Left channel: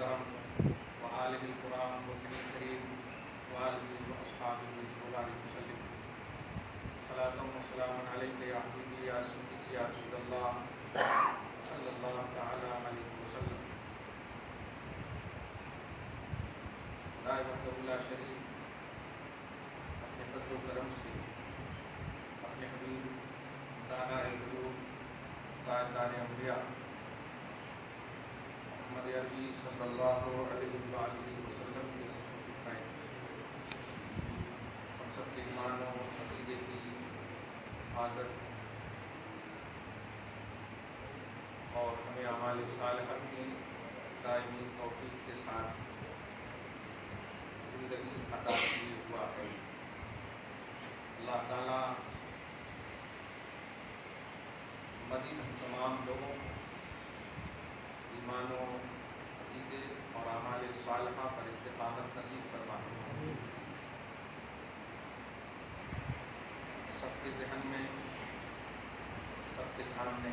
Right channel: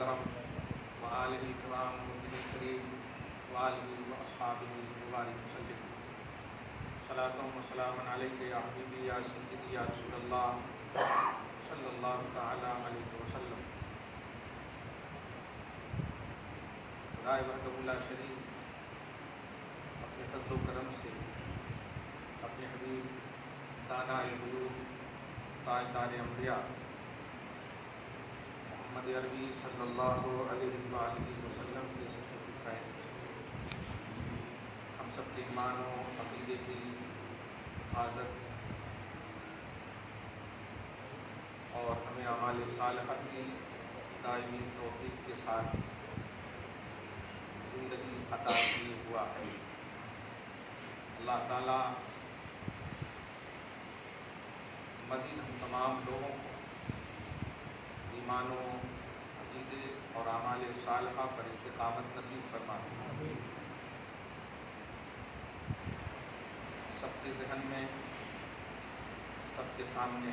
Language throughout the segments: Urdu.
محترم وآلہ الکرام والنبی الکریم وآلہ واصحابہ وبارک وسلم صلاۃ و سلام علیک یا حبیبی یا سیدی یا رسول اللہ صلی اللہ تعالی علیہ وسلم۔ خدائے وحدہ اللہ شریف اپنے فضل و کرم سے اپنے حبیب دانا غیوب تاجدار انبیاء محمد عربی صلی اللہ علیہ وآلہ وسلم کے صدقہ کی خیر ہم سب کے ایمان و عقیدے کی حفاظت اور ہمیں اعمال صالحہ کی دائمی توفیق کے ساتھ زندگی عطا کی ہوا ہے۔ اللہ تعالیٰ مزید ہم تمام لوگوں کو ایمان و عقیدے اور اعمال صالحہ پر استقامت نصیب فرمائے۔ سب کے ذہن میں سب کے سامنے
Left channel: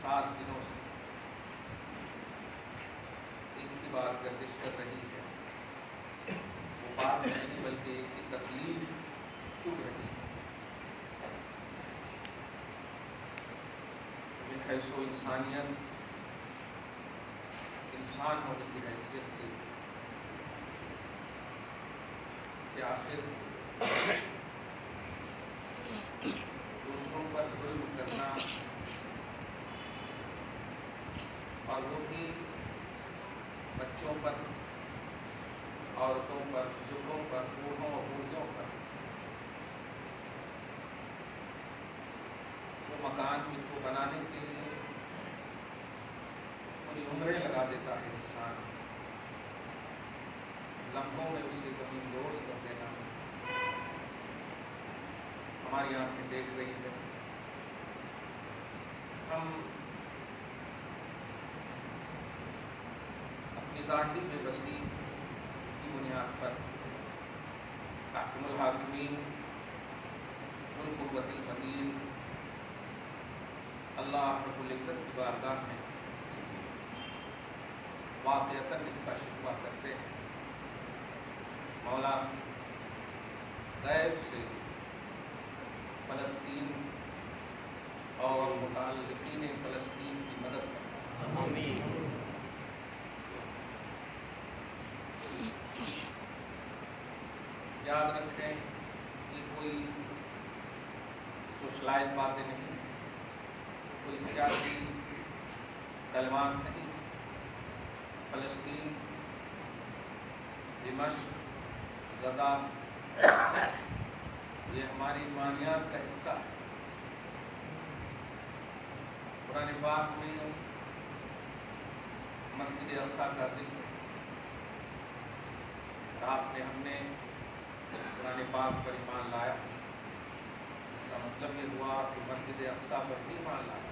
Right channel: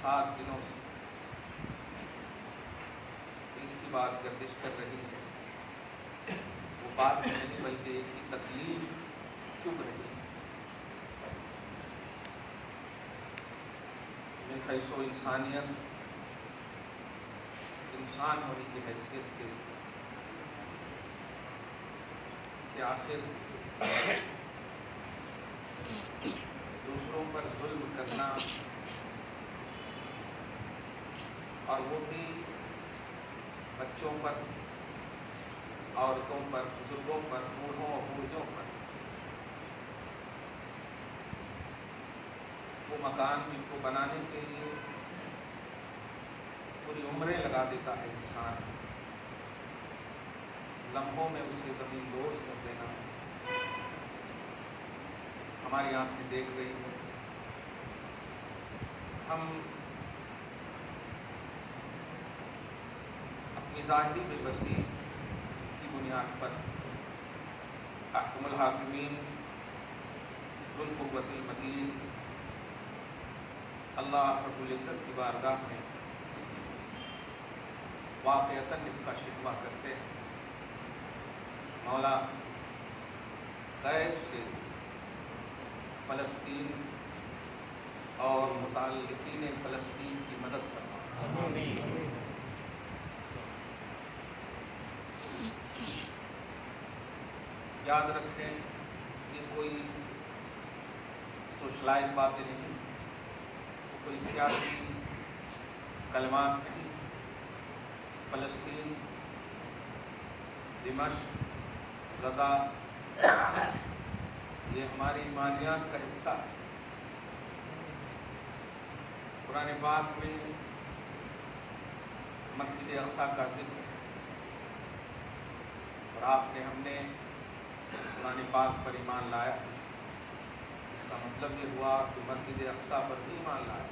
7 دنوں سے ایک ہی بات گردش کر رہی ہے، وہ بات نہیں بلکہ ایک ہی تکلیف چبھ رہی ہے۔ من حیث و انسانیت، انسان ہونے کی حیثیت سے کہ آخر دوسروں پر ظلم کرنا، اور وہ بھی بچوں پر، عورتوں پر، بزرگوں پر، بوڑھوں اور بوڑھیوں پر، وہ مکان کو بنانے کے لیے پوری عمریں لگا دیتا ہے انسان، لمحوں میں اسے زمین دوز کر دینا ہماری آنکھیں دیکھ رہی ہے۔ ہم اپنی ظاہری بے بسی کی بنیاد پر احکم الحاکمین ذو القوۃ المتین اللہ رب العزت کی بارگاہ میں واقعتاً اس کا شکوہ کرتے ہیں۔ مولا غیب سے فلسطین اور متعلقین فلسطین کی مدد کرنا۔ یاد رکھیں کہ کوئی سوشلائز باتیں نہیں، کوئی سیاسی کلمات نہیں۔ فلسطین، دمشق، غزہ یہ ہماری ایمانیات کا حصہ ہے۔ قرآن پاک میں مسجد اقصیٰ کا ذکر ہے، اور ہم نے قرآن پاک پر ایمان لایا، اس کا مطلب یہ ہوا کہ مسجد اقصیٰ پر بھی ایمان لایا۔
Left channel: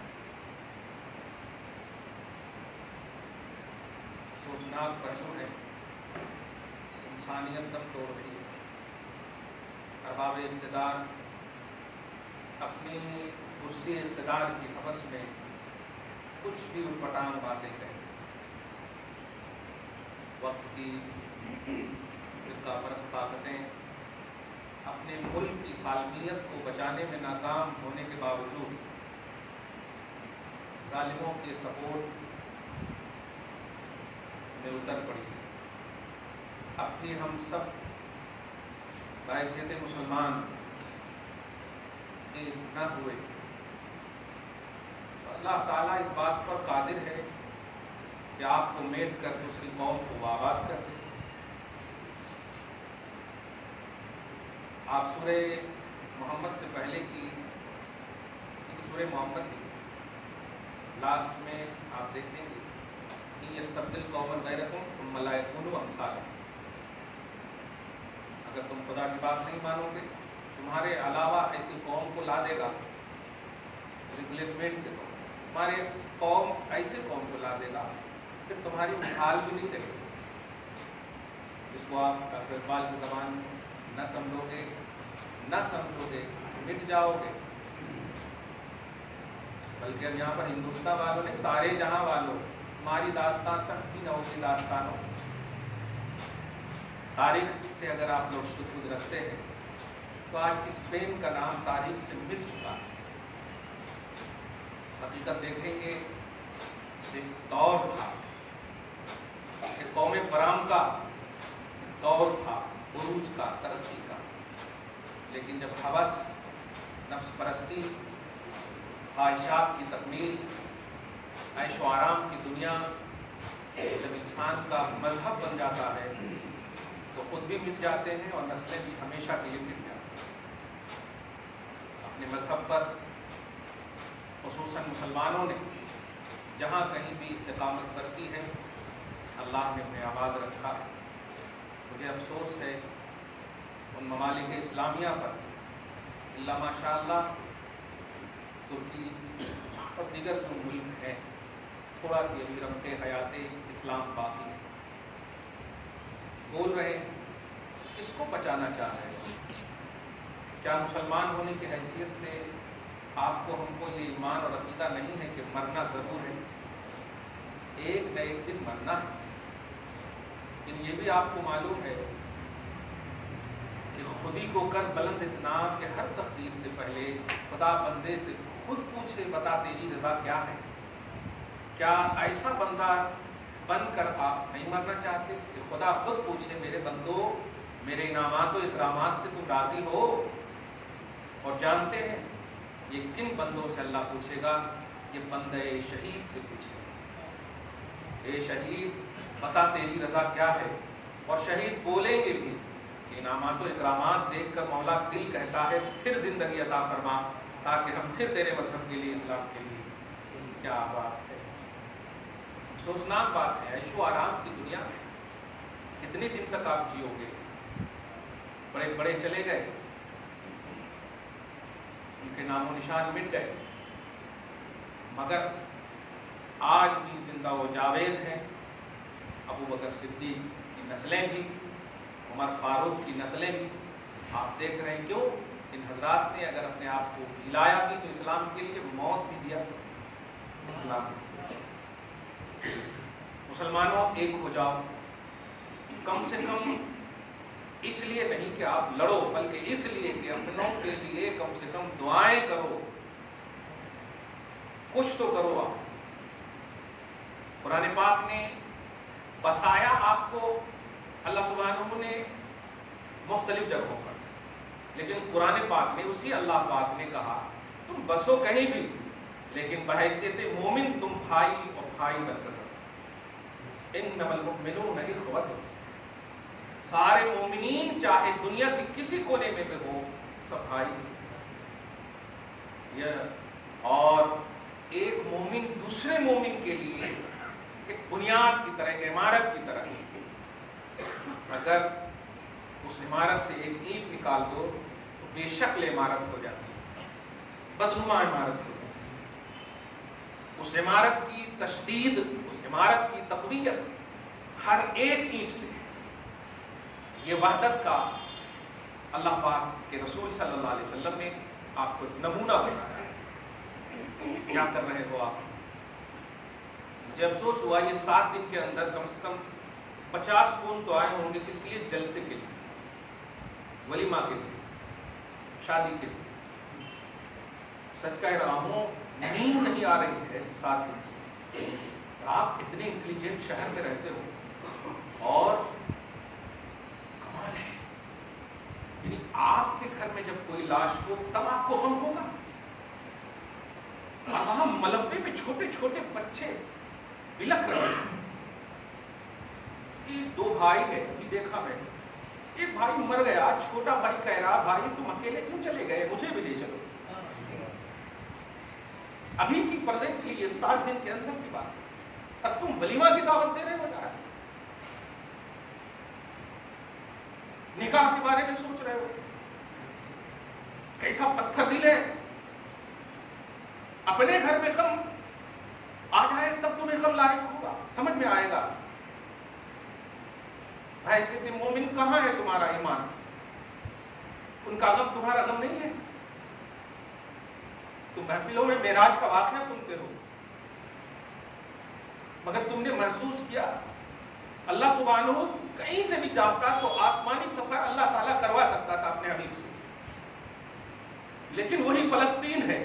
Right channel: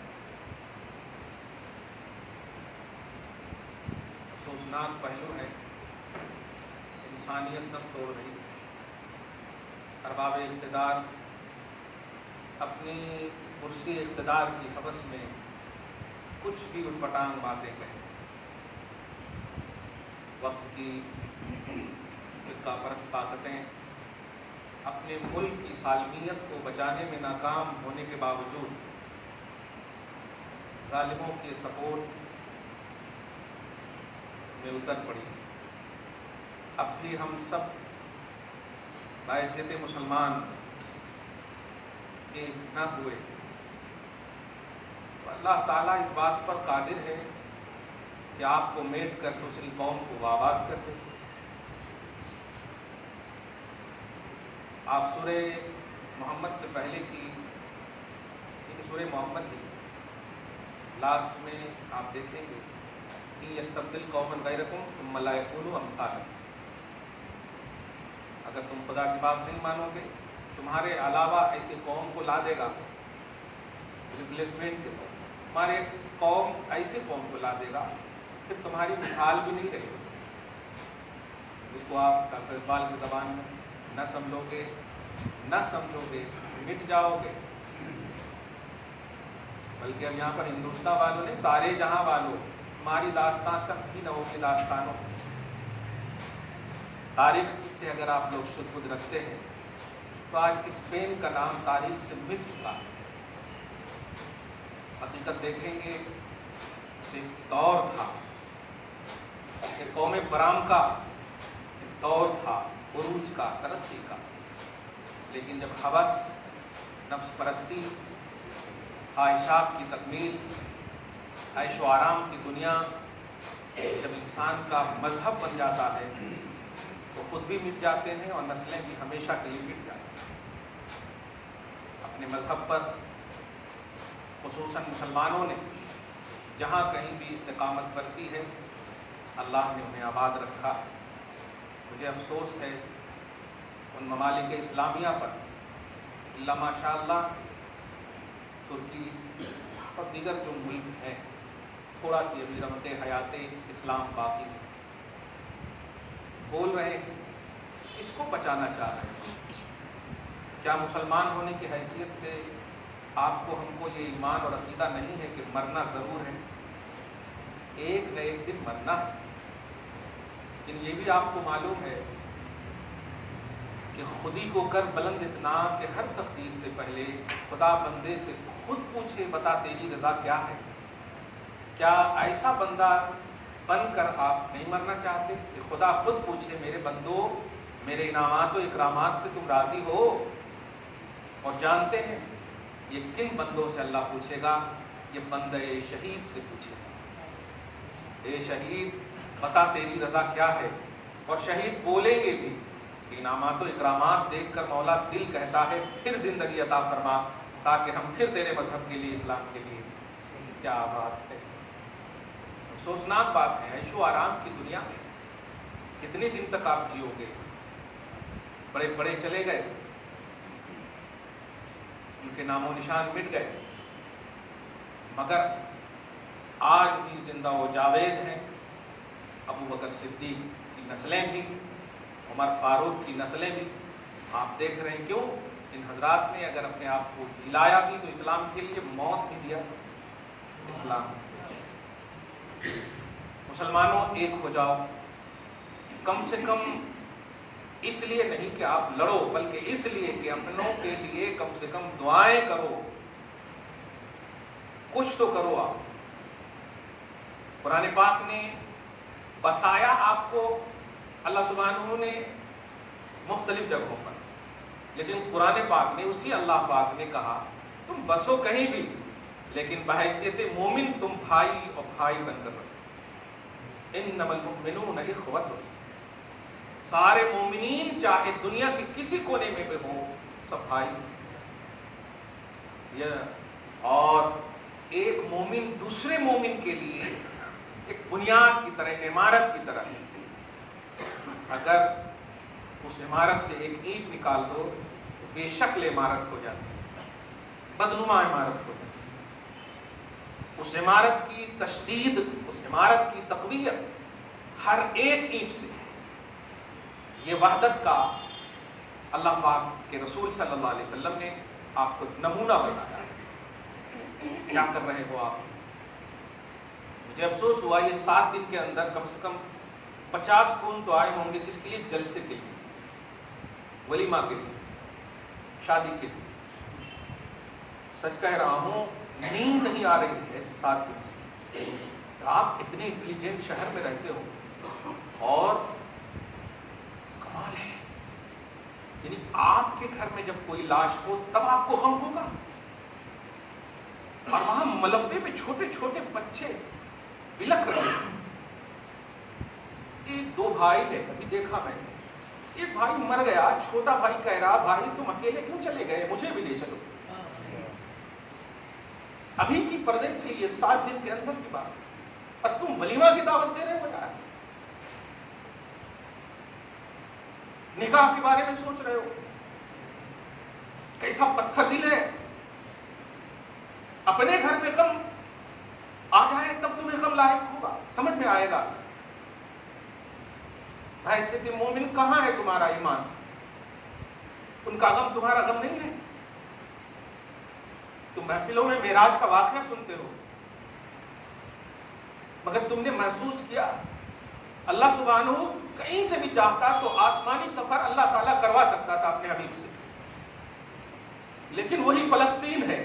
افسوسناک پہلو ہے، انسانیت دم توڑ رہی ہے۔ ارباب اقتدار اپنی کرسی اقتدار کی ہوس میں کچھ بھی اٹپٹانگ باتیں کہیں، وقت کی فرقہ پرست طاقتیں اپنے ملک کی سالمیت کو بچانے میں ناکام ہونے کے باوجود ظالموں کے سپورٹ میں اتر پڑی۔ اب بھی ہم سب بحیثیت مسلمان ایک نہ ہوئے، اللہ تعالیٰ اس بات پر قادر ہے کہ آپ کو میٹ کر دوسری قوم کو آباد کر دے۔ آپ سورہ محمد سے پہلے کی سورہ محمد کی لاسٹ میں آپ دیکھیں گے کہ یستبدل قوما غیرکم ثم لا یکونوا امثالکم، اگر تم خدا کی بات نہیں مانو گے تمہارے علاوہ ایسی قوم کو لا دے گا ریپلیسمنٹ کے طور پر، تمہارے قوم ایسے قوم کو لا دے گا کہ تمہاری مثال بھی نہیں رہے، جس کو آپ ڈاکٹر اقبال کی زبان میں نہ سمجھو گے مٹ جاؤ گے، بلکہ اب یہاں پر ہندوستان والوں نے سارے جہاں والوں ہماری داستان تک بھی نہ ہوگی داستان ہو. تاریخ سے اگر آپ لوگ شدھ رکھتے ہیں تو آج اسپین کا نام تاریخ سے مٹ چکا ہے. حقیقت دیکھیں گے ایک دور تھا، ایک قوم برام کا ایک دور تھا، عروج کا، ترقی کا. لیکن جب ہوس، نفس پرستی، خواہشات کی تکمیل، عیش و آرام کی دنیا جب انسان کا مذہب بن جاتا ہے تو خود بھی مٹ جاتے ہیں اور نسلیں بھی ہمیشہ کے لیے مٹ جاتی ہیں. اپنے مذہب پر خصوصاً مسلمانوں نے جہاں کہیں بھی استقامت برتی ہے اللہ نے انہیں آباد رکھا. مجھے افسوس ہے ان ممالک اسلامیہ پر، اللہ ماشاء اللہ ترکی اور دیگر جو ملک ہیں تھوڑا سی ابھی رمت حیات اسلام باقی بول رہے ہیں، کس کو بچانا چاہ رہے ہیں؟ کیا مسلمان ہونے کی حیثیت سے آپ کو ہم کو یہ ایمان اور عقیدہ نہیں ہے کہ مرنا ضرور ہے، ایک نہ ایک دن مرنا ہے. لیکن یہ بھی آپ کو معلوم ہے کہ خودی کو کر بلند اتنا کہ ہر تقدیر سے پہلے خدا بندے سے خود پوچھے بتا تیری رضا کیا ہے. کیا ایسا بندہ بن کر آپ نہیں مرنا چاہتے کہ خدا خود پوچھے میرے بندو میرے انعامات و اکرامات سے تم راضی ہو؟ اور جانتے ہیں یہ کن بندوں سے اللہ پوچھے گا؟ یہ بندہ شہید سے پوچھے گا، اے شہید بتا تیری رضا کیا ہے. اور شہید بولیں گے بھی کہ انعامات و اکرامات دیکھ کر مولا دل کہتا ہے پھر زندگی عطا فرما تاکہ ہم پھر تیرے مذہب کے لیے، اسلام کے لیے. کیا بات ہے، افسوسناک بات ہے. عیش و آرام کی دنیا میں کتنے دن تک آپ جیو گے؟ بڑے بڑے چلے گئے، ان کے نام و نشان مٹ گئے، مگر آج بھی زندہ و جاوید ہیں. ابو بکر صدیق کی نسلیں بھی، عمر فاروق کی نسلیں بھی. آپ دیکھ رہے ہیں کیوں؟ ان حضرات نے اگر اپنے آپ کو جلایا بھی تو اسلام کے لیے موت بھی دیا. اسلام مسلمانوں ایک ہو جاؤ، کم سے کم اس لیے نہیں کہ آپ لڑو بلکہ اس لیے کہ اپنوں کے لیے کم سے کم دعائیں کرو، کچھ تو کرو. آپ قرآن پاک نے بسایا آپ کو اللہ سبحانہ نے مختلف جگہوں پر، لیکن قرآن پاک نے اسی اللہ پاک نے کہا تم بسو کہیں بھی لیکن بحیثیت مومن تم بھائی اور بھائی بن کر رہو. انما المؤمنون اخوۃ، سارے مومنین چاہے دنیا کے کسی کونے میں بھی ہوں سب بھائی. اور ایک مومن دوسرے مومن کے لیے ایک بنیاد کی طرح، ایک عمارت کی طرح. اگر اس عمارت سے ایک اینٹ نکال دو تو بے شکل عمارت ہو جاتی ہے، بدنما عمارت ہو جاتی ہے. اس عمارت کی تشدید، اس عمارت کی تقویت ہر ایک اینٹ سے. یہ وحدت کا اللہ پاک کے رسول صلی اللہ علیہ وسلم نے آپ کو نمونہ بتایا. کیا کر رہے ہو آپ؟ مجھے افسوس ہوا یہ 7 دن کے اندر کم سے کم 50 فون تو آئے ہوں گے. کس کے لیے؟ جلسے کے لیے، ولیمہ کے لیے، شادی کے لیے. سچ کہہ رہا ہوں نیند نہیں آ رہی ہے 7 دن سے. آپ اتنے انٹیلیجنٹ شہر میں رہتے ہو اور کمال ہے، یعنی آپ کے گھر میں جب کوئی لاش ہو تب آپ کو غم ہوگا، اور وہاں ملبے میں چھوٹے چھوٹے بچے بلک رہے ہیں. یہ 2 بھائی ہیں، ابھی دیکھا میں، ایک بھائی مر گیا، چھوٹا بھائی کہہ رہا بھائی تم اکیلے کیوں چلے گئے، مجھے بھی لے چلو. ابھی کی پریزنٹ کے لیے 7 دن کے اندر کی بات ہے، اور تم ولیمہ کی دعوت دے رہے ہو یار. نکاح کے بارے میں سوچ رہے ہو، کیسا پتھر دل ہے. اپنے گھر میں غم آ جائے تب تمہیں غم لاحق ہوگا، سمجھ میں آئے گا. حیثیت مومن کہاں ہے تمہارا ایمان؟ ان کا غم تمہارا غم نہیں ہے. تم محفلوں میں معراج کا واقعہ سنتے ہو، مگر تم نے محسوس کیا اللہ سبحانہ کہیں سے بھی چاہتا تو آسمانی سفر اللہ تعالیٰ کروا سکتا تھا اپنے حبیب سے، لیکن وہی فلسطین ہے،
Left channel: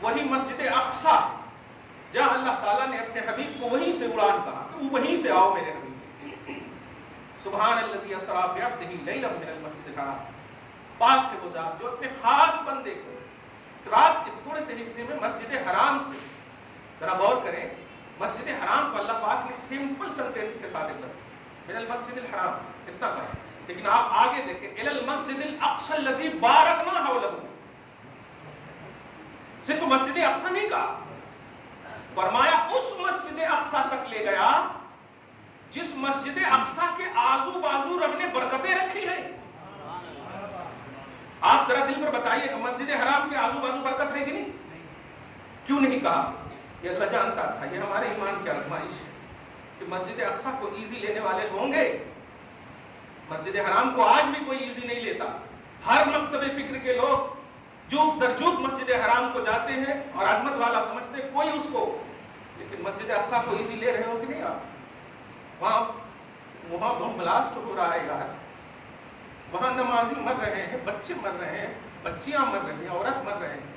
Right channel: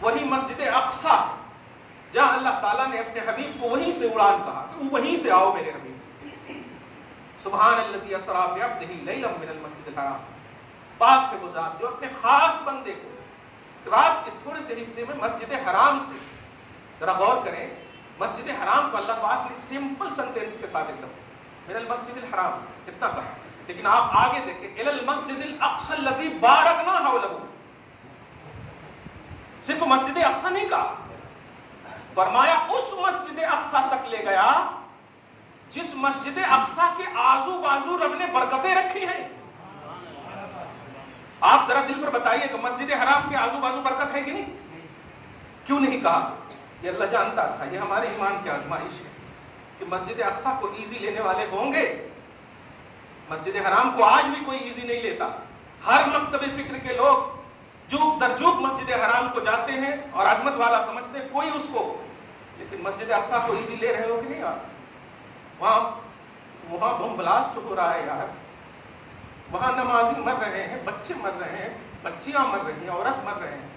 وہی مسجد اقصی جہاں اللہ تعالیٰ نے اپنے حبیب کو وہیں سے اڑان کہا کہ وہیں سے آؤ میرے حبیب۔ سبحان الذی اسری بعبدہ لیلا من المسجد الحرام، پاک ہے وہ ذات جو اپنے خاص بندے کو رات کے تھوڑے سے حصے میں مسجد حرام سے، ذرا غور کریں، مسجد حرام کو اللہ پاک نے سمپل سنٹینس کے ساتھ اتنا من المسجد الحرام اتنا کہا، لیکن آپ آگے دیکھیں الی المسجد الاقصی الذی بارکنا حولہ، صرف مسجد اقصی نہیں کہا، فرمایا اس مسجد اقصی تک لے گیا جس مسجد اقصی کے آزو بازو رب نے برکتیں رکھی ہیں۔ آپ ذرا دل پر بتائیے کہ مسجد حرام کے آزو بازو برکت ہے کہ نہیں؟ کیوں نہیں کہا؟ یہ اللہ جانتا تھا، یہ ہمارے ایمان کی آزمائش ہے کہ مسجد اقصی کو ایزی لینے والے ہوں گے۔ مسجد حرام کو آج بھی کوئی ایزی نہیں لیتا، ہر مکتب فکر کے لوگ جوک در جوک مسجد حرام کو جاتے ہیں اور عظمت والا سمجھتے ہیں کوئی اس کو، لیکن مسجد اقصی کو ایزی لے رہے ہو کہ نہیں آپ؟ وہاں بم بلاسٹ ہو رہا ہے یار، وہاں نمازی مر رہے ہیں، بچے مر رہے ہیں، بچیاں مر رہی ہیں، عورت مر رہے ہیں،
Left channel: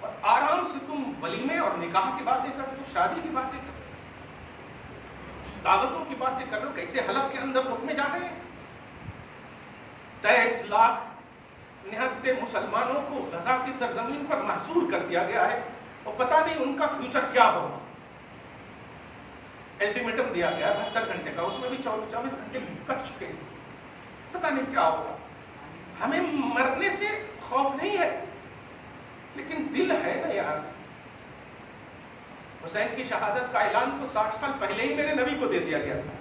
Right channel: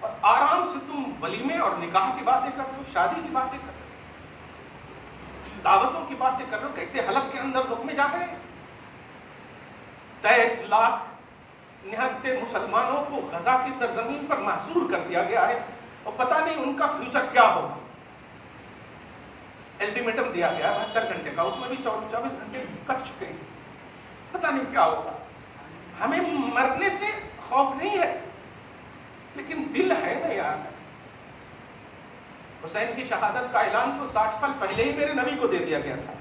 اور آرام سے تم ولیمے اور نکاح کی باتیں کر رہے ہو، شادی کی باتیں کر رہے ہو، دعوتوں کی باتیں کر رہے ہو، کیسے حلب کے اندر رخ میں جا رہے ہیں۔ 23 لاکھ نہتے مسلمانوں کو غزہ کی سرزمین پر محصور کر دیا گیا ہے، اور پتہ نہیں ان کا فیوچر کیا ہوگا۔ الٹیمیٹم دیا گیا 72 گھنٹے کا، اس میں بھی 24 گھنٹے کٹ چکے ہیں، پتہ نہیں کیا ہوگا۔ ہمیں مرنے سے خوف نہیں ہے، لیکن دل ہے نا یار۔ حسین کی شہادت کا اعلان تو 60 سال پہلے ہی میرے نبی کو دے دیا گیا تھا،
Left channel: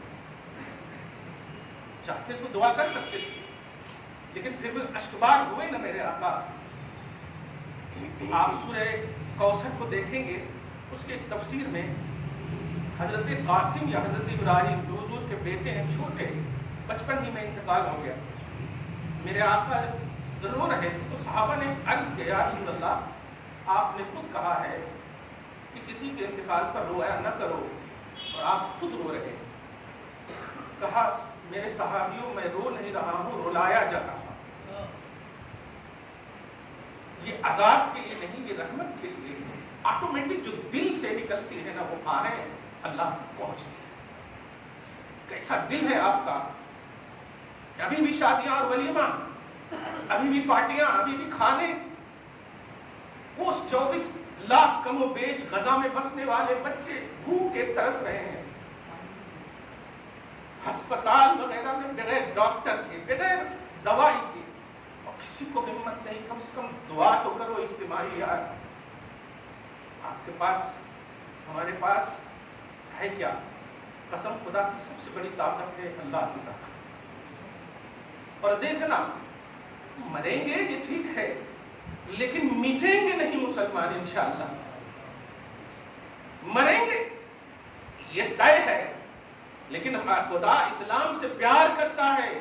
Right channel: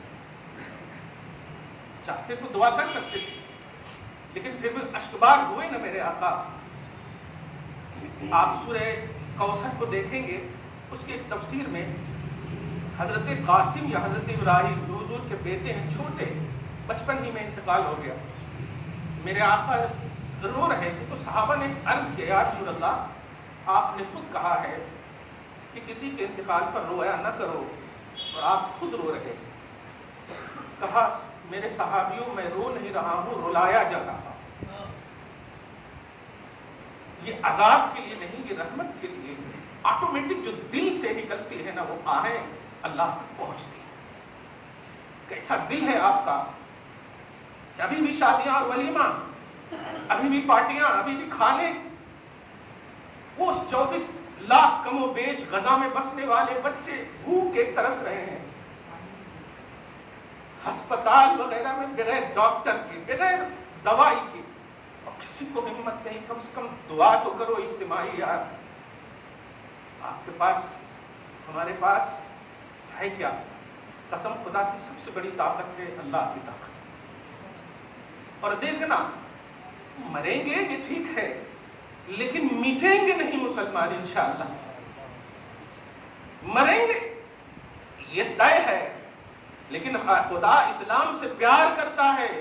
چاہتے تو دعا کر سکتے تھے، لیکن پھر بھی اشکبار ہوئے نا میرے آقا۔ آپ سورہ کوثر کو دیکھیں گے، اس کی تفسیر میں حضرت قاسم یا حضرت ابراہیم جو حضور کے بیٹے ہیں، چھوٹے بچپن ہی میں انتقال ہو گیا، میرے آقا رو رہے تھے تو صحابہ نے عرض کیا یا رسول اللہ آپ نے خود کہا ہے کہ کسی کے انتقال پر رویا نہ کرو، اور آپ خود رو رہے۔ کہا میرے صحابیوں میں رو نہیں رہا ہوں، رلایا جا رہا۔ یہ عذاب کے لیے نہیں، یہ رحمت کے لیے، آٹومیٹک جو دل سے نکلتی ہے نا وہ آہیں اللہ کو پہنچتی ہے۔ کیسا دل ہے آپ کا کہ ابھی بھی شادیاں اور ولیمہ، ابھی بھی پارٹیاں، ابھی بھی کھانے، وہ 24 لاکھ کم و بیش غزہ میں بسنے والے بچے بھوک کے ترس رہے ہیں، ہسپتال وغیرہ میں بغیر ڈاکٹر کے، بغیر دوائی کے، اور کسی کو ہمت نہیں، کم سے کم دعا تو کرو اجتماعی یار۔ آپ کے پاس، ہمارے پاس ہے کیا؟ قسم خدا کی سب سے بڑی طاقت ہے اللہ کی طاقت۔ اور دیکھنا مریں گے یہ ٹھیک ہے، لیکن مٹیں گے نہیں مسلمان انشاءاللہ، مریں گے یہ طے ہے، لیکن خدا اسلام سے پیار کرتا ہے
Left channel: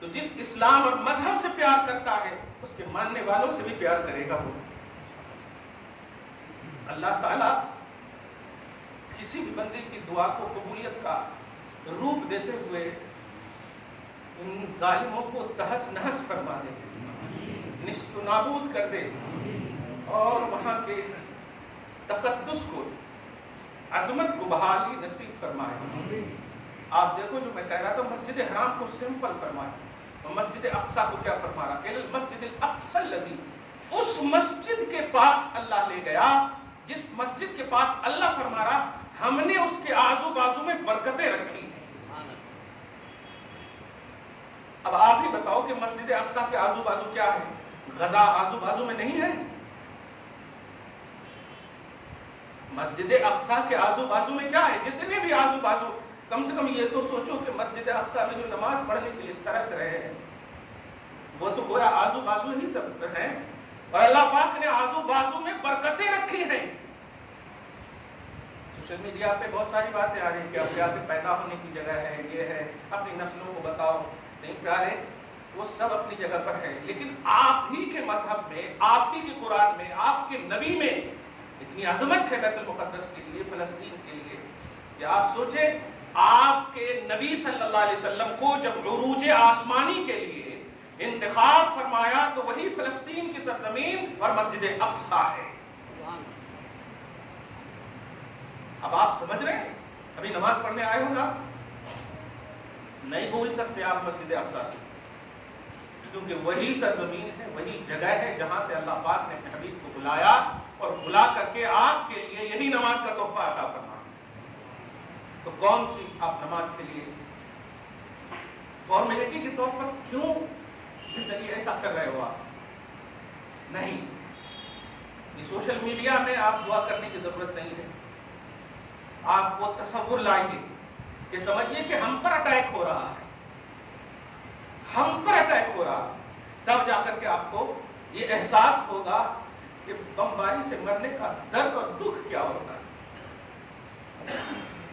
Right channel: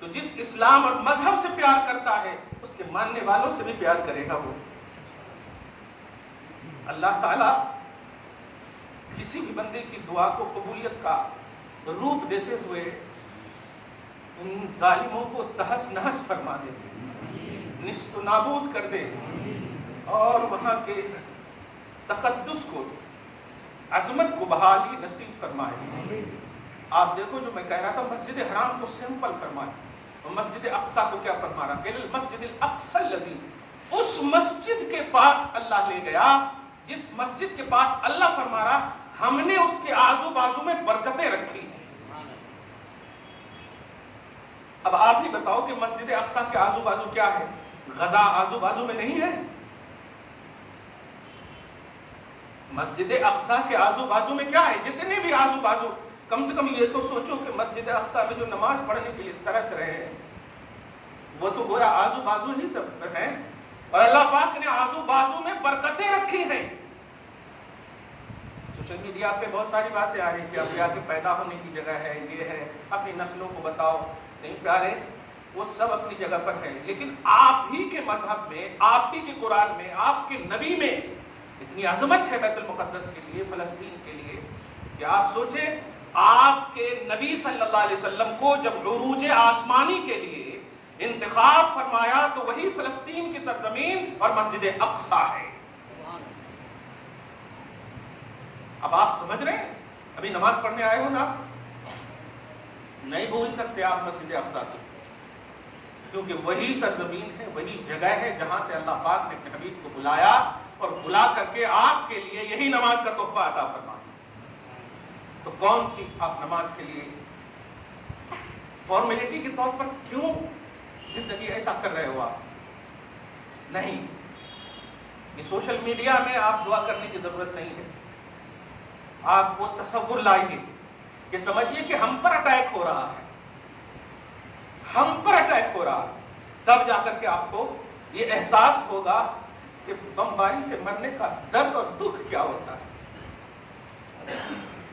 تو جس اسلام اور مذہب سے پیار کرتا ہے اس کے ماننے والوں سے بھی پیار کرے گا وہ۔ اللہ تعالیٰ کسی بھی بندے کی دعا کو قبولیت کا روپ دیتے ہوئے ان ظالموں کو تہس نہس فرما دے، نیست و نابود کر دے، اور وہاں کے تقدس کو، عظمت کو بحالی نصیب فرمائے۔ آپ دیکھو جو میں کہہ رہا تھا، مسجد حرام کو سمپل فرمائے، اور مسجد اقصی کو کیا فرما رہا؟ المسجد الاقصی الذی، اس مسجد کے پاس اللہ لے گیا جس مسجد کے پاس اللہ فرما رہا ہم نے اس کے آزو بازو میں برکتیں رکھی ہیں۔ اب آپ ہی بتاؤ کہ مسجد اقصی کے آزو بازو کیا ہے؟ غزہ آزو بازو میں نہیں ہے؟ مسجد اقصی کے آزو بازو میں کیا ہے؟ جتنے بھی آزو بازو، کم سے کم یہ تو سوچو کہ مسجد اقصی میں جو نماز پڑھنے کے لیے ترس رہے ہیں وہ تو گویا آزو بازو ہی ہیں، اور اللہ پاک نے آزو بازو میں برکتیں رکھی ہیں۔ سوشل میڈیا پہ بہت ساری باتیں آ رہی ہیں کہ اب پیدا ہونے کی جگہ ہے، یہ ہے، اپنی نسلوں کو بتاؤ۔ نہیں پیارے، وہ سب اپنی جگہ پر ہے، لیکن آپ ہی کے مذہب میں، آپ ہی کے قرآن میں، آپ کے نبی میں اتنی عظمت ہے بیت المقدس کے لیے، فلسطین کے لیے، کہ آپ سوچیں آپ کے نبی صلی اللہ علیہ وسلم کو جب عروج آسمانی کے لیے انتخاب فرمایا تو وہی فلسطین کی سرزمین اور مسجد اقصی ہے۔ اب آپ سمجھ رہے ہیں، ابھی نماز پڑھنے آئے ہو نا، نہیں بھول سکتے آپ مسجد اقصی، کیونکہ وہی سرزمین ہے، وہی جگہ ہے جہاں سے اللہ پاک نے اپنے حبیب کو بلایا اور بلا کر کے آپ کے لیے یہی نماز کا تحفہ عطا فرمایا۔ تو کون سی آپ نماز کے لیے فارمیلٹی کے طور پر کیوں زندگی ایسا کر رہے ہو آپ؟ نہیں، یہ سوشل میڈیا میں آپ دعا کرنے کی ضرورت نہیں ہے۔ آپ وہ تصور لائیے کہ سمجھیے کہ ہم پر اٹیک ہو رہا ہے، ہم پر اٹیک ہو رہا، تب جا کر کے آپ کو یہ احساس ہوگا کہ بمباری سے مرنے کا درد اور دکھ کیا ہوتا ہے۔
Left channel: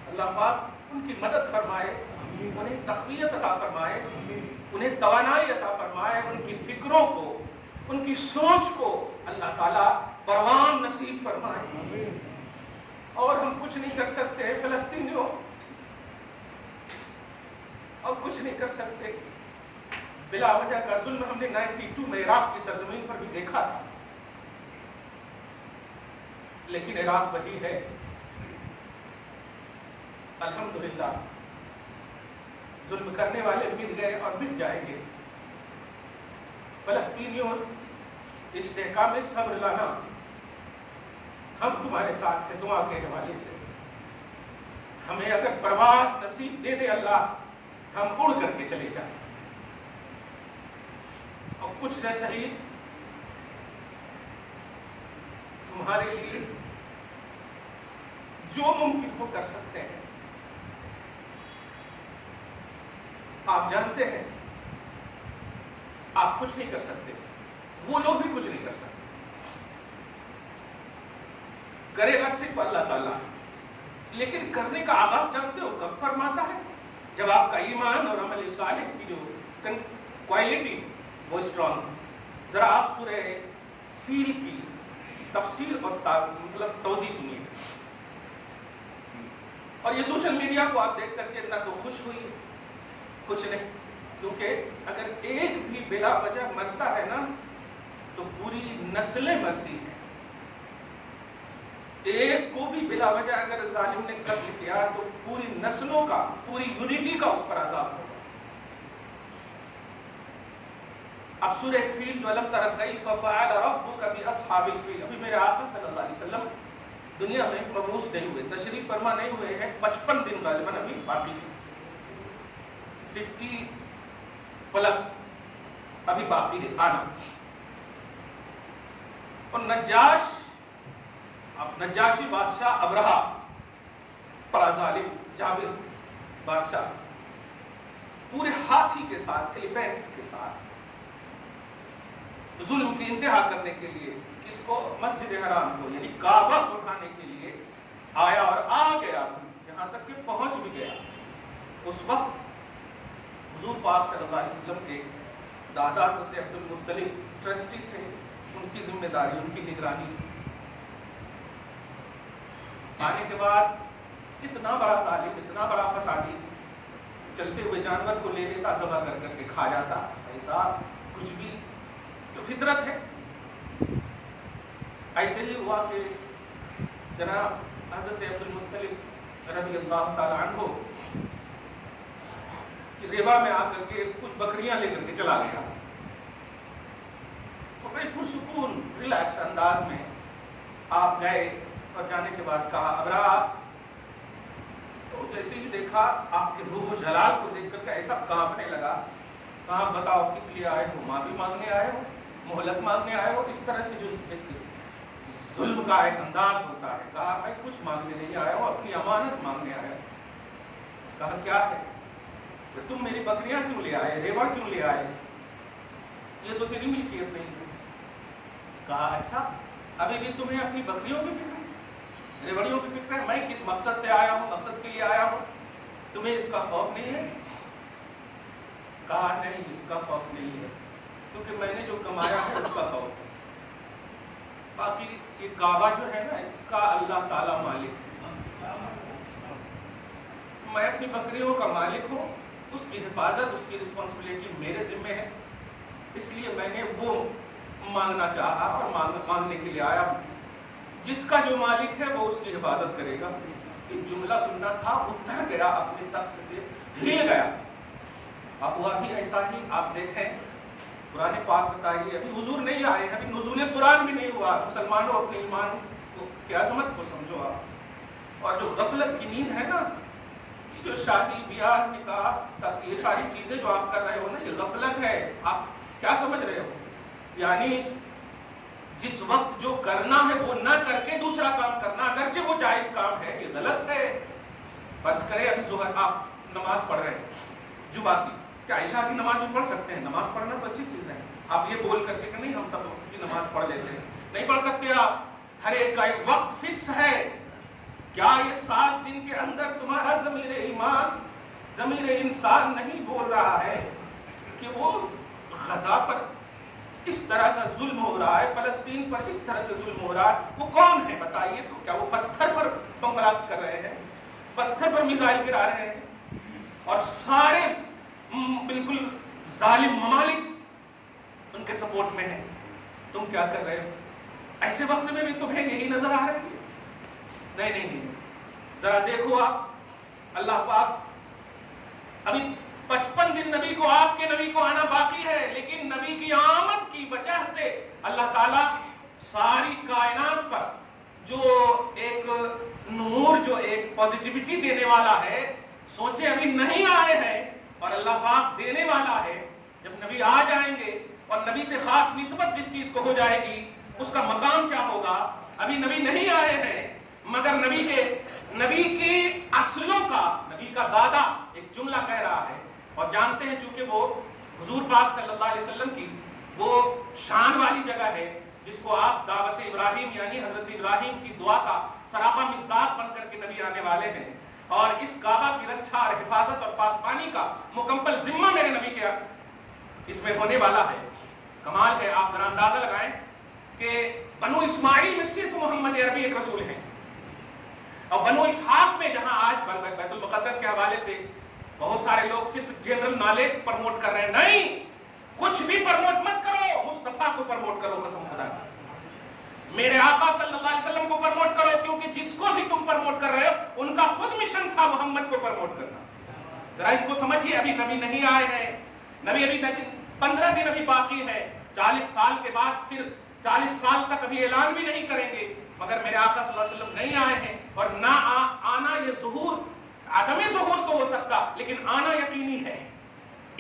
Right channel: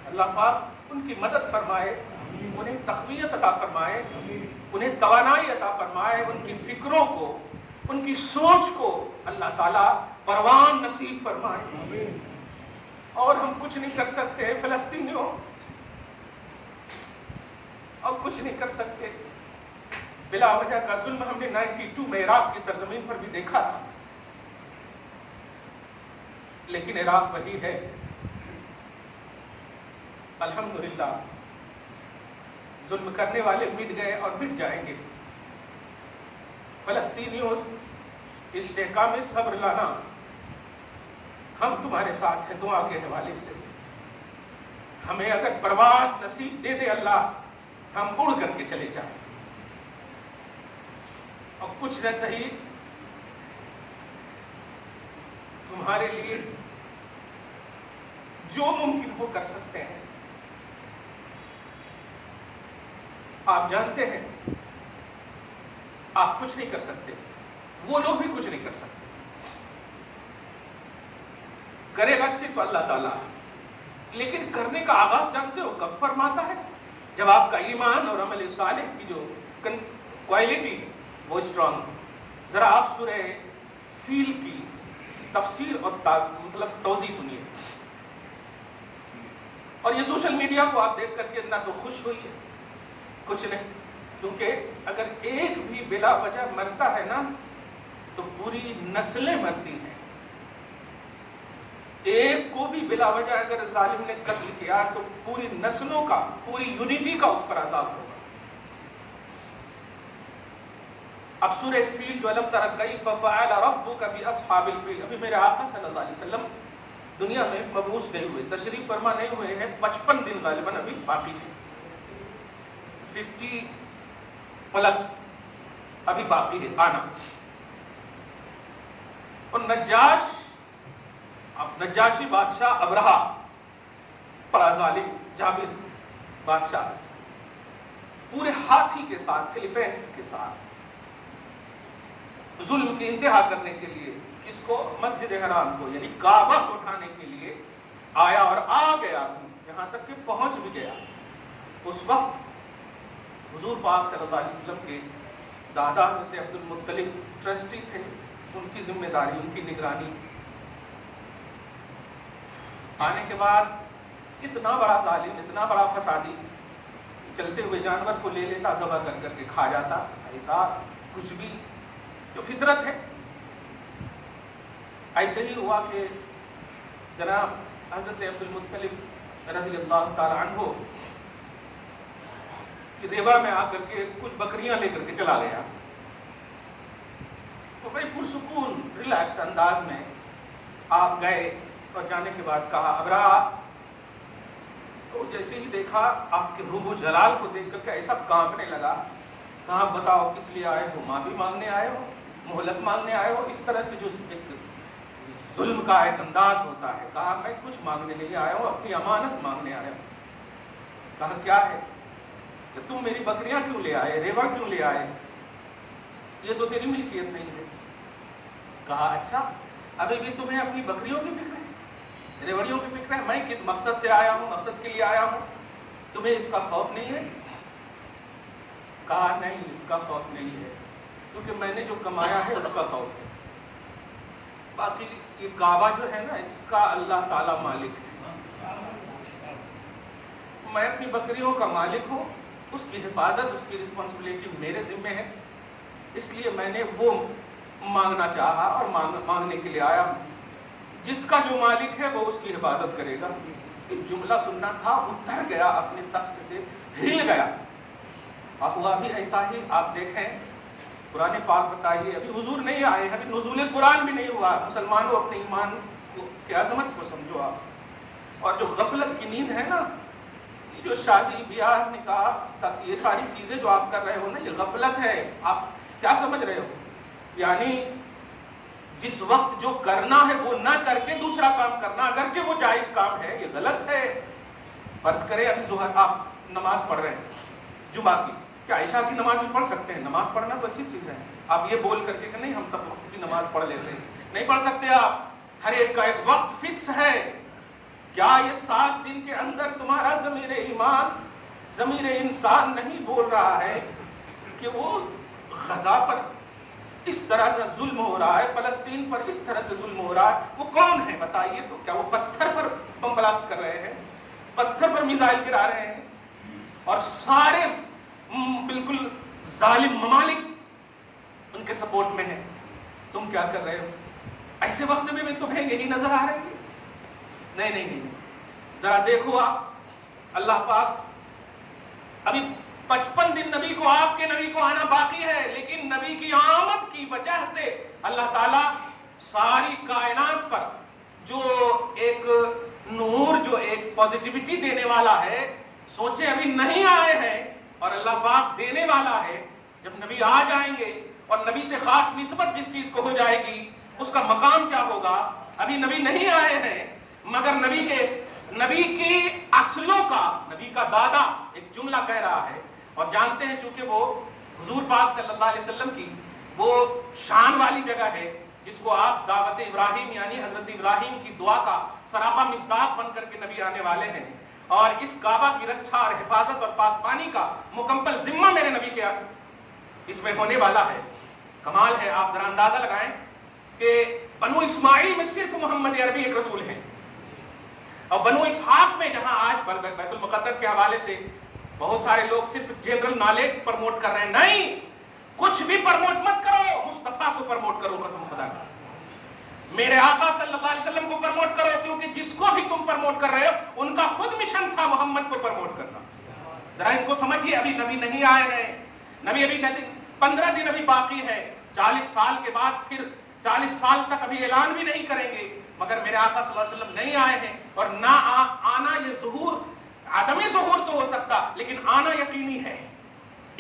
اللہ پاک ان کی مدد فرمائے، انہیں تقویت عطا فرمائے، انہیں توانائی عطا فرمائے، ان کی فکروں کو، ان کی سوچ کو اللہ تعالیٰ پروان نصیب فرمائے۔ اور ہم کچھ نہیں کر سکتے فلسطینیوں، اور کچھ نہیں کر سکتے۔ بلا وجہ کا ظلم ہم نے 92 میں عراق کی سرزمین پر بھی دیکھا تھا، لیکن عراق وہی ہے، الحمدللہ۔ ظلم کرنے والے مٹ گئے اور مٹ جائیں گے۔ فلسطینیوں، استحکام صبر لانا، ہم تمہارے ساتھ ہیں دعا کے حوالے سے۔ ہمیں اگر پرواز نصیب دے دے اللہ، ہم اڑ کر کے چلے جائیں، اور کچھ نہ صحیح تمہارے لیے جو ممکن وہ کر سکتے ہیں۔ آپ جانتے ہیں آپ کچھ نہیں کر سکتے، وہ لوگ بھی کچھ نہیں کر سکتے، کرے گا صرف اللہ تعالیٰ۔ لیکن کرنے کا آغاز جانتے ہو کب فرماتا ہے؟ جب آپ کا ایمان اور عمل صالح کی جو کوالٹی وہ اسٹرانگ۔ ذرا آپ سورہ فیل کی تفسیر اور توضیح سنیے، اور یہ سوشل میڈیا کو آپ دیکھ کر کے نہ تو خوش ہوئیے، کچھ نہیں، کیونکہ اگر ایک بھی بلا وجہ مرتا ہے نا تو پوری نسلیں مرتی ہیں۔ ایک کو بھی بلا وجہ اگر ظالم نے قتل کیا تو پوری نسلوں کا، پوری یونٹی کا اس پر عذاب ہوگا۔ اب سورہ فیل جو الم تر کیف فعل ربک باصحاب الفیل، ابھی میرے آقا صلی اللہ علیہ وسلم دنیا میں مبعوث نہیں ہوئے، تشریف فرما نہیں ہوئے ہیں، 55 دن غالباً ابھی باقی ہیں، 50 پلس ابھی باقی ہے آنا۔ اور نجاشی بادشاہ ابرہا، بڑا ظالم جابر بادشاہ، پورے ہاتھی کے ساتھ، ایلیفینٹس کے ساتھ ظلم کی انتہا کرنے کے لیے کس کو؟ مسجد حرام کو، یعنی کعبہ کو اٹھانے کے لیے آیا اور آ گیا، یہاں تک کہ پہنچ بھی گیا۔ اس وقت حضور پاک صلی اللہ علیہ وسلم کے دادا حضرت عبد المطلب ٹرسٹی تھے، ان کی ذمہ داری، ان کی نگرانی۔ آنے کے بعد اتنا بڑا ظالم، اتنا بڑا فسادی، چلتے ہوئے جانور کو لے لیتا، ذبح کر کر کے کھا جاتا، ایسا کچھ بھی جو فطرت ہے۔ ایسے ہی ہوا کہ جناب حضرت عبد المطلب رضی اللہ تعالی عنہ کہ ریبا میں آ کر کے کچھ بکریاں لے کر کے چلا گیا، تو بڑے پرسکون ریلیکس انداز میں آپ گئے، اور جانے کے بعد کہا ابرہا، تو جیسے ہی دیکھا آپ کے روح و جلال کو دیکھ کر کے ایسا کانپنے لگا، کہا بتاؤ کس لیے آئے ہو؟ معافی مانگنے آئے ہو؟ مہلت مانگنے آئے ہو؟ اس طرح سے جو ظلم کا ایک انداز ہوتا ہے۔ کہا میں کچھ مانگنے نہیں آیا ہوں، اپنی امانت مانگنے آیا ہوں۔ کہا کیا ہے؟ کہ تم میری بکریاں کیوں لے آئے، ریوڑ کیوں لے آئے؟ یہ تو تیری ملکیت نہیں ہے۔ کہا اچھا، ابھی بھی تمہیں اپنی بکریوں کی فکر ہے، ریوڑیوں کی فکر ہے؟ میں کس مقصد سے آیا ہوں، مقصد کے لیے آیا ہوں، تمہیں اس کا خوف نہیں ہے؟ کہا نہیں اس کا خوف نہیں ہے، کیونکہ میں نے جو کمایا ہے اس کا خوف ہے، باقی یہ کعبہ جو ہے نا اس کا اللہ تعالیٰ مالک ہے، میں اپنی بکریوں کا مالک ہوں، اس کی حفاظت اس کی رسپانسبلٹی میرے ذمہ ہے، اس لیے میں نے وہ مانگنا چاہا اور مانگنے کے لیے آیا، جس کا جو مالک ہے وہ اس کی حفاظت کرے گا۔ ایک جملہ سننا تھا، اتر گیا اپنے تخت سے، ہل گیا، اب ہوا بھی ایسا ہی۔ آپ دیکھیں قرآن پاک بتائیے، ابھی حضور نہیں آئے ہیں، ابھی نزول قرآن بھی نہیں ہوا، مسلمانوں اپنے ایمان کی عظمت کو سمجھو آپ، اور جو غفلت کی نیند ہے نا، یہ جو شادی بیاہ نکاح یہ ساری چیزیں جو آپ کر رہے ہو نا، یہ غفلت ہے۔ آپ کیا سمجھ رہے ہو؟ یعنی جس وقت جو کرنا ہے وہ نہ کر کے دوسرا کام کرنا، اگرچہ وہ جائز کام ہے، یہ غلط ہے۔ فرض کریں ابھی ظہر آپ نماز پڑھ رہے ہیں جمعہ کی، کیا عشاء کی نماز بھی پڑھ سکتے ہیں؟ نماز پڑھنا تو اچھی چیز ہے، آپ یہ بول کر کے کہ نہیں ہم سب وقت کی نماز پڑھ لیتے ہیں، نہیں پڑھ سکتے آپ، ہر ایک کا ایک وقت فکس ہے۔ کیا یہ 7 دن کے اندر تمہارا ضمیر ایمان، ضمیر انسان نہیں بول رہا ہے کہ وہ غزہ پر اس طرح سے ظلم ہو رہا ہے، فلسطین پر اس طرح سے ظلم ہو رہا ہے، وہ کون ہے بتائیے؟ تو کیا وہ پتھر پر بم بلاسٹ کر رہے ہیں، پتھر پر میزائل گرا رہے ہیں، اور سارے بالکل ظالم ممالک ان کے سپورٹ میں ہیں؟ تم کیا کر رہے ہو؟ ایسے وقت میں بھی تمہیں یہی نظر آ رہا ہے؟ نہیں، ذرا دیکھو آپ، اللہ پاک ابھی 55 دن نبی کو، آپ کے نبی کو آنا باقی ہے، لیکن نبی کی آمد کی وجہ سے اللہ تعالیٰ ساری کائنات پر جو ایک نور، جو ایک پازیٹیوٹی دینے والا ہے، سوچیں ابھی نہیں آئے ہیں اور اللہ پاک دینے والا ہے۔ جب نبی آ جائیں گے اور نبی سے خاص نسبت جس چیز کو ہو جائے گی، اس کا مقام کیا ہوگا؟ ابھی نبی نہیں آئے ہیں، مگر نبی کی اصلوں کا، نبی کا دادا ایک جملہ کہہ رہا ہے، اور جانتے ہیں چونکہ وہ حضور پاک صلی اللہ علیہ وسلم کی وہ شان والی جگہ ہے جس کو آپ دعوت ابراہیم یعنی حضرت ابراہیم کی دعا کا سراپا مصداق بن کر کے نبی آنے والے ہیں، اور اس کعبہ کی رکھا اور حفاظت اور پاسبانی کا مکمل ذمہ میرے نبی کے اس میں ہونے والا ہے۔ کمال ہے، آپ ذرا اندازہ لگائیں کہ بنو اسماعیل میں صرف محمد عربی ایک رسول ہے، اور بنو اسحاق میں جہاں آج بیت المقدس کے حوالے سے بہت سارے لوگ صرف جنرل نالج پرموٹ کر رہے ہیں، نہیں، کچھ بھی پرموٹ مت کرو، مصطفیٰ کو پرموٹ کرو، قسم خدا کی، میرے آقا صلی اللہ علیہ وسلم کو پرموٹ کرو، کیونکہ جس کو بھی تم پرموٹ کر رہے ہو ان کا خود مشن تھا محمد کو پرموٹ کرنا۔ ذرا ان کو سمجھیے، ابھی نبی نہیں آئے ہیں، ابھی 15 دن ابھی باقی ہے، 40 سال کے بعد پھر 40 سال تک ابھی اعلان بھی نہیں کریں گے، مگر میرے آقا صلی اللہ علیہ وسلم نہیں آئے ہیں، اور نہ آنا یہ ظہور، عدمی ظہور تو ہو سکتا لیکن آنا یقینی ہے۔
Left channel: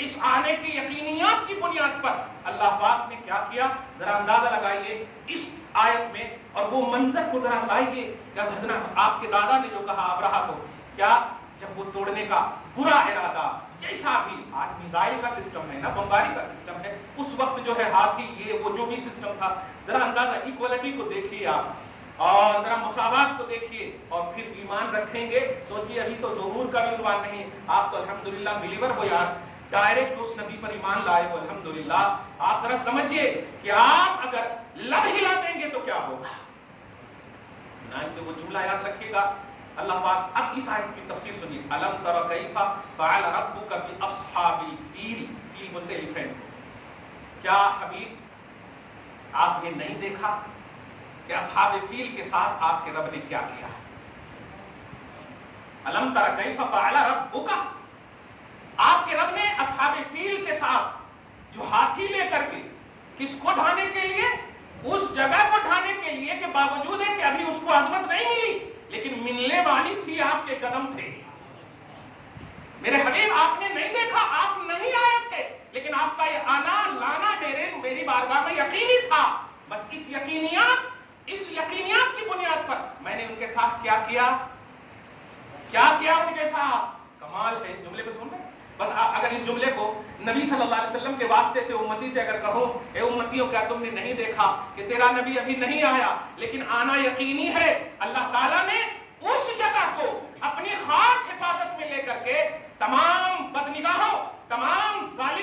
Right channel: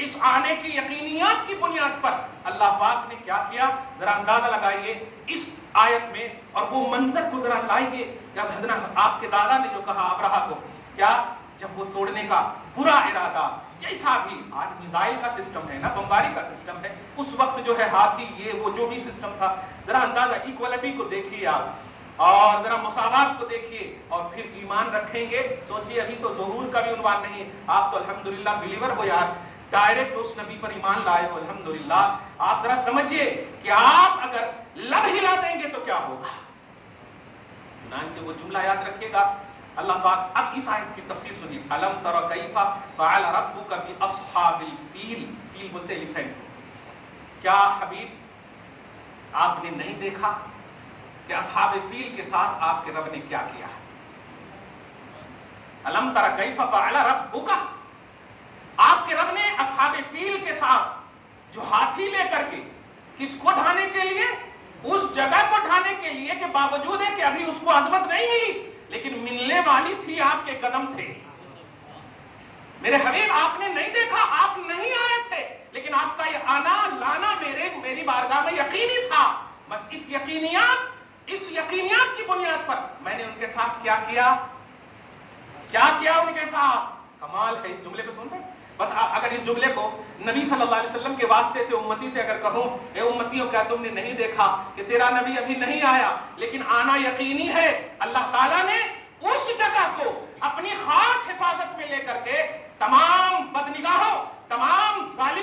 اس آنے کی یقینیات کی بنیاد پر اللہ پاک نے کیا کیا، ذرا اندازہ لگائیے اس آیت میں، اور وہ منظر کو ذرا لائیے، جب حضرت آپ کے دادا نے جو کہا ابرہہ کو، کیا جب وہ توڑنے کا برا ارادہ، جیسا بھی آج میزائل کا سسٹم ہے نا، بمباری کا سسٹم ہے، اس وقت جو ہے ہاتھی یہ وہ جو بھی سسٹم تھا، ذرا اندازہ ایکوالٹی کو دیکھیے آپ، اور ذرا مساوات کو دیکھیے، اور پھر ایمان رکھیں گے۔ سوچیے ابھی تو ظہور کا بھی عنوان نہیں ہے، آپ تو الحمدللہ بلیور ہو یار، ڈائریکٹ اس نبی پر ایمان لائے ہو، الحمدللہ۔ آپ ذرا سمجھیے کہ آپ اگر لب ہلا دیں گے تو کیا ہوگا۔ چنانچہ وہ جملہ یاد رکھیے گا، اللہ پاک اب اس آیت کی تفسیر سنیے، الم تر کیف فعل ربک باصحاب الفیل، فیل بولتے ایلیفینٹ، کیا حبیب آپ نے نہیں دیکھا کہ اصحاب فیل کے ساتھ آپ کے رب نے کیا کیا ہے؟ الم تر کیف فعل ربک، آپ کے رب نے اصحاب فیل کے ساتھ جو ہاتھی لے کر کے، کس کو ڈھانے کے لیے؟ اس جگہ کو ڈھانے کے لیے کہ باوجود ہے کہ ابھی اس کو عظمت نہیں ملی لیکن ملنے والی تھی آپ کے قدم سے۔ میرے حبیب آپ نے نہیں دیکھا، آپ نہیں آئے تھے، لیکن آپ کا یہ آنا لانا میری بارگاہ میں یقینی تھا۔ بس اس یقینیات کی بنیاد پر میں نے ان کے ساتھ کیا کیا ان کے ساتھ۔ کمال ہے، اس جملے کو سن کر بس اگر اس جملے کو نبی صلی اللہ علیہ وسلم کے واسطے سے امتی سے اگر کہوں، اے امتیوں کیا تم نے نہیں دیکھا کہ تیرا نبی ابھی نہیں آیا لیکن آنا یقینی ہے؟ اللہ تعالیٰ نے اس جگہ کو اپنی خاص حفاظت میں لے کر کے تمام بدنگاہوں، تمام ظالم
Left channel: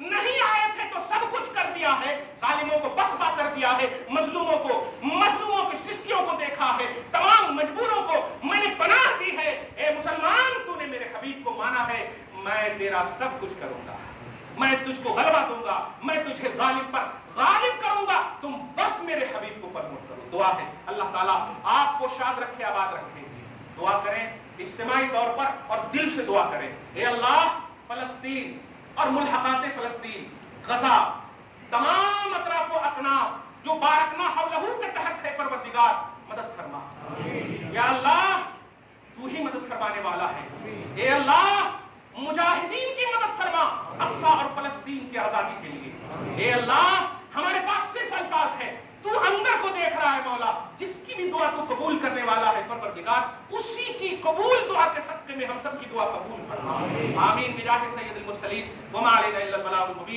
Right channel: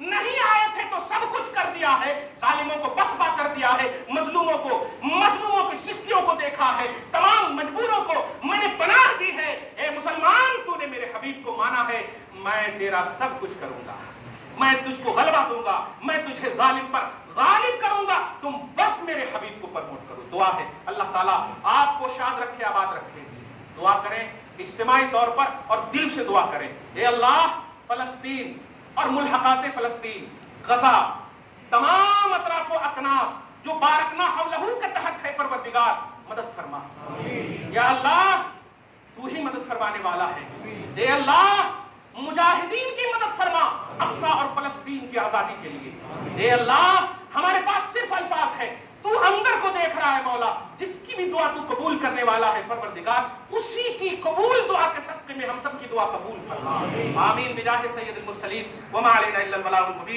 نہیں آئے تھے تو سب کچھ کر دیا ہے، ظالموں کو پسپا کر دیا ہے، مظلوموں کی سستیوں کو دیکھا ہے، تمام مجبوروں کو میں نے پناہ دی ہے۔ اے مسلمان، تو نے میرے حبیب کو مانا ہے، میں تیرا سب کچھ کروں گا، میں تجھ کو غلبہ دوں گا، میں تجھے ظالم پر غالب کروں گا، تم بس میرے حبیب کو پرموٹ کرو۔ دعا ہے اللہ تعالیٰ آپ کو شاد رکھے، آباد رکھے۔ دعا کریں اجتماعی طور پر اور دل سے دعا کریں، اے اللہ فلسطین اور ملحقات فلسطین، غزہ، تمام اطراف و اکناف جو بارکنا حولہ کے تحت ہے، پروردگار مدد فرما۔ یا اللہ تو ہی مدد فرمانے والا ہے۔ اے اللہ مجاہدین کی مدد فرما اقصی اور فلسطین کی آزادی کے لیے۔ اے اللہ ہمارے پاس صرف الفاظ ہے، تو اندر کو دیکھ رہا ہے مولا، جس کی بھی دعا تو قبول کرنے والا ہے پروردگار، اسی کی قبول دعا کے صدقے میں ہم سب کی دعا قبول فرما۔ آمین بجاہ سید المرسلین وما علینا الا البلاغ المبین۔